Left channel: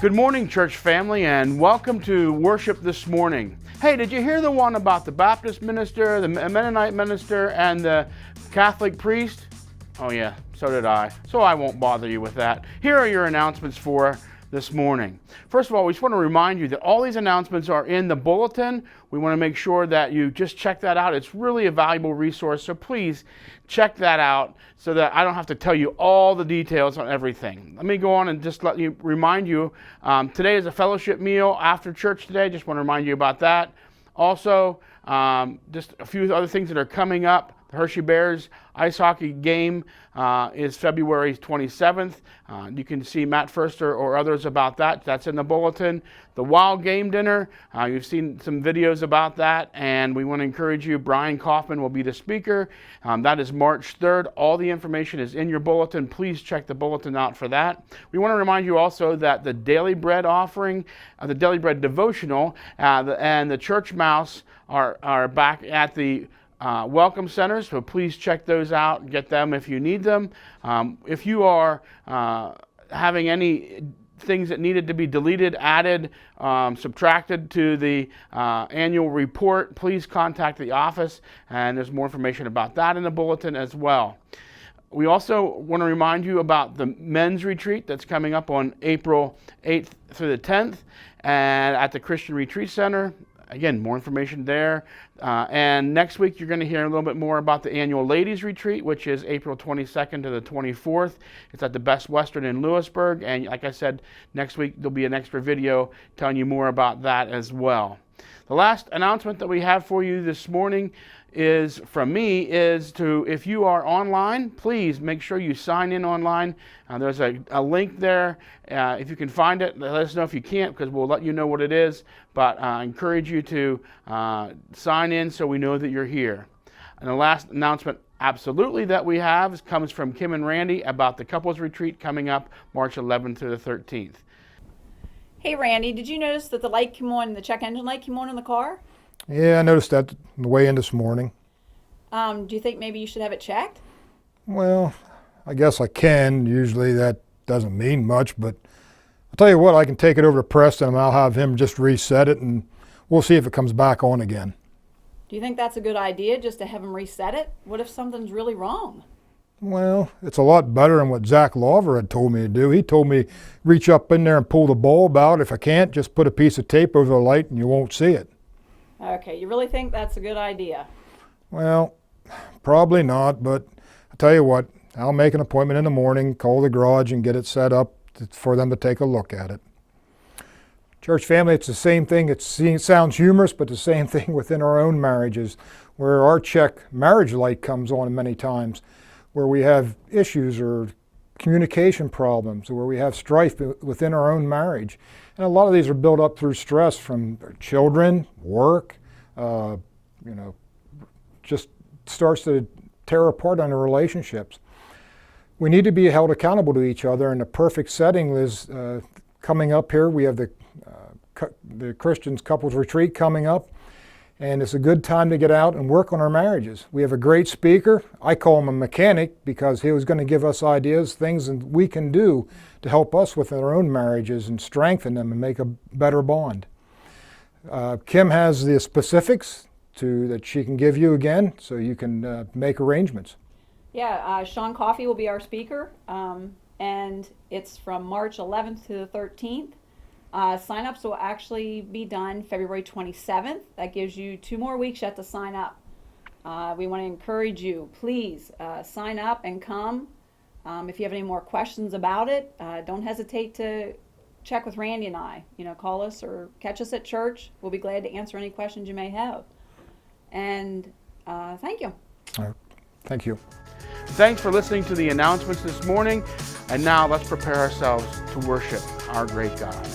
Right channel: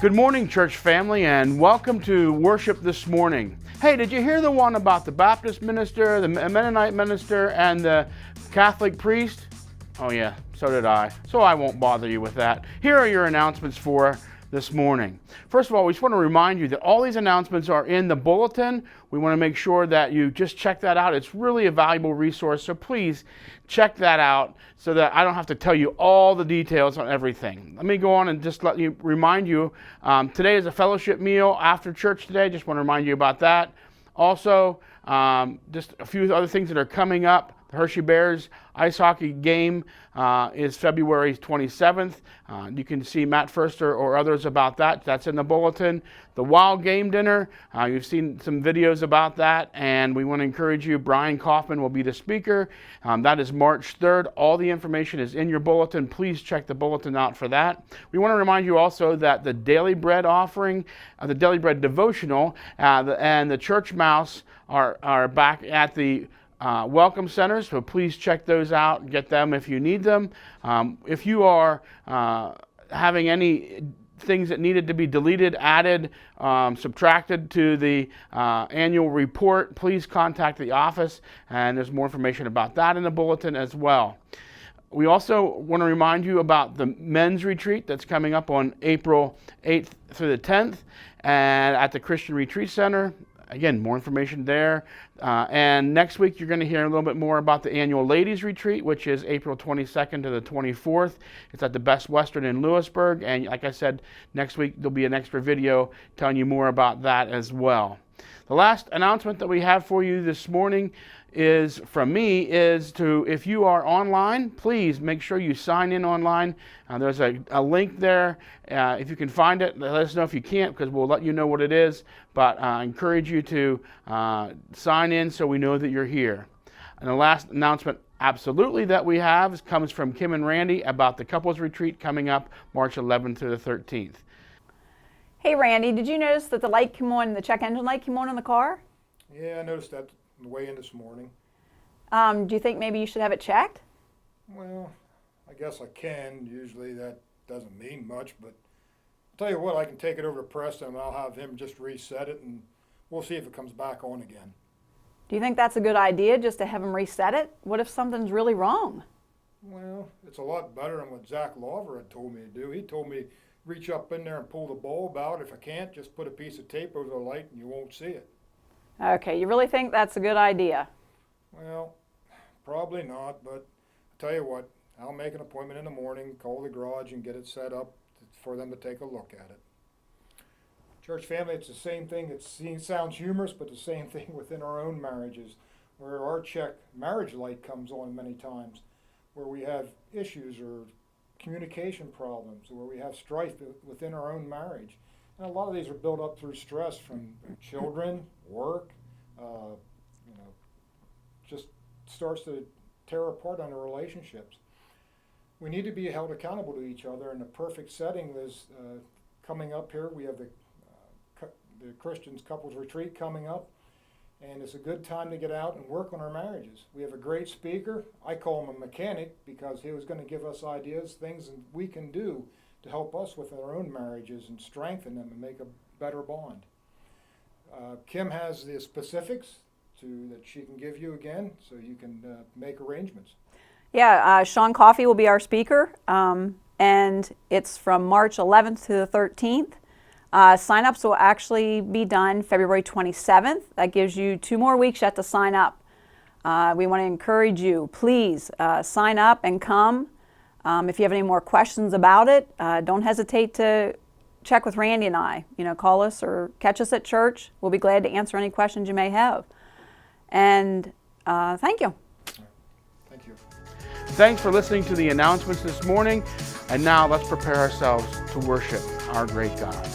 Good morning, church family, and welcome to worship this morning. Hey, did you hear the one about the Baptist minister, the Mennonite minister, and the Catholic priest? Oh yeah, so did I. So I won't bother you with that. Here are your announcements for this morning. First of all, we just want to remind you that all these announcements are in the bulletin. We want to make sure that you just check that out. It's really a valuable resource, so please check that out so that I don't have to tell you all the details on everything. Let me go on and just remind you, today is a fellowship meal after church today. Just want to remind you about that. Also, just a few other things that are coming up. The Hershey Bears ice hockey game is February 27th. You can see Matt Furster or others about that. That's in the bulletin. The Wild Game Dinner, you've seen some videos about that, and we want to encourage you. Brian Kaufman will be the speaker. That is March 3rd. All the information is in your bulletin. Please check the bulletin out for that. We want to remind you also that the Daily Bread offering, the Daily Bread devotional, and the Church Mouse are back at the welcome centers, so please check those out and get them if you need them. If you are having any things that needed to be deleted, added, subtracted to the annual report, please contact the office, and there's more information about that in the bulletin as well. We also want to remind you about the men's retreat that's coming up on April 8th through the 10th and at the Christian Retreat Center. Again, more information there. And next week, you're going to hear a little bit more about the annual Ladies Retreat, which is April 22nd to the 24th. It's at the Best Western in Lewisburg. And like I said, next week, there'll be an extra video telling you more about that as well. The last announcement that we have for you this morning is from me is to, if you are online, please make sure you sign in online. There's a link there. If you can find it, let us know if you can't, because we'll let you know what it is. But I encourage you to sign in so we know that you're here. And the last announcement absolutely that we have comes from Kim and Randy about the couples retreat coming up March 11th through the 13th. Hey Randy, did you notice that the light came on, the check engine light came on in the car? Yeah, I noticed that on the way in this morning. Do you think maybe you should have it checked? Well, I guess I can. Usually that doesn't mean much, but I'll tell you what, I can take it over to Preston and I'll have him just reset it and we'll see if it comes back on again. Do you think that's a good idea, just to have him reset it? What if something's really wrong? Well, it's a lot better than what Zach Lawver had told me to do. He told me reach up in there and pull the bulb out. If I can't, just put a piece of tape over the light and you won't see it. Okay, you really think that's a good idea? Well, probably not, but I'll tell you what, I'll make an appointment in the morning, call the garage and get it set up for them to take a look at it. Church family, it's the same thing. It sounds humorous, but the same thing within our own marriages, where our check marriage light comes on many times, where we have issues or communication problems, or where we have strife within our own marriage. And a lot of these are built up through stress from children, work, just starts to tear apart on the relationships. We need to be held accountable to each other, and the perfect setting is coming up here. We have the Christians Couples Retreat coming up, and it's a good time to get out and work on our marriages. We have a great speaker. I call him a mechanic because he was going to give us ideas, things that we can do to help us with our own marriages and strengthen them and make a better bond. Kim has the specifics that she can give you again, so you can make arrangements. Yeah, Sean Coffey will be our speaker, and it's from March 11th to the 13th. Sign-ups will actually be done February 27th. That gives you 2 more weeks yet to sign up. We want to encourage you, please sign up and come. If you have any more questions about it, don't hesitate to check with Randy and I. Call us or catch us at church. We'll be glad to answer any questions you may have. And thank you. All right. Thank you. Thanks for listening to the announcements this morning. And now let's prepare ourselves to worship our great God.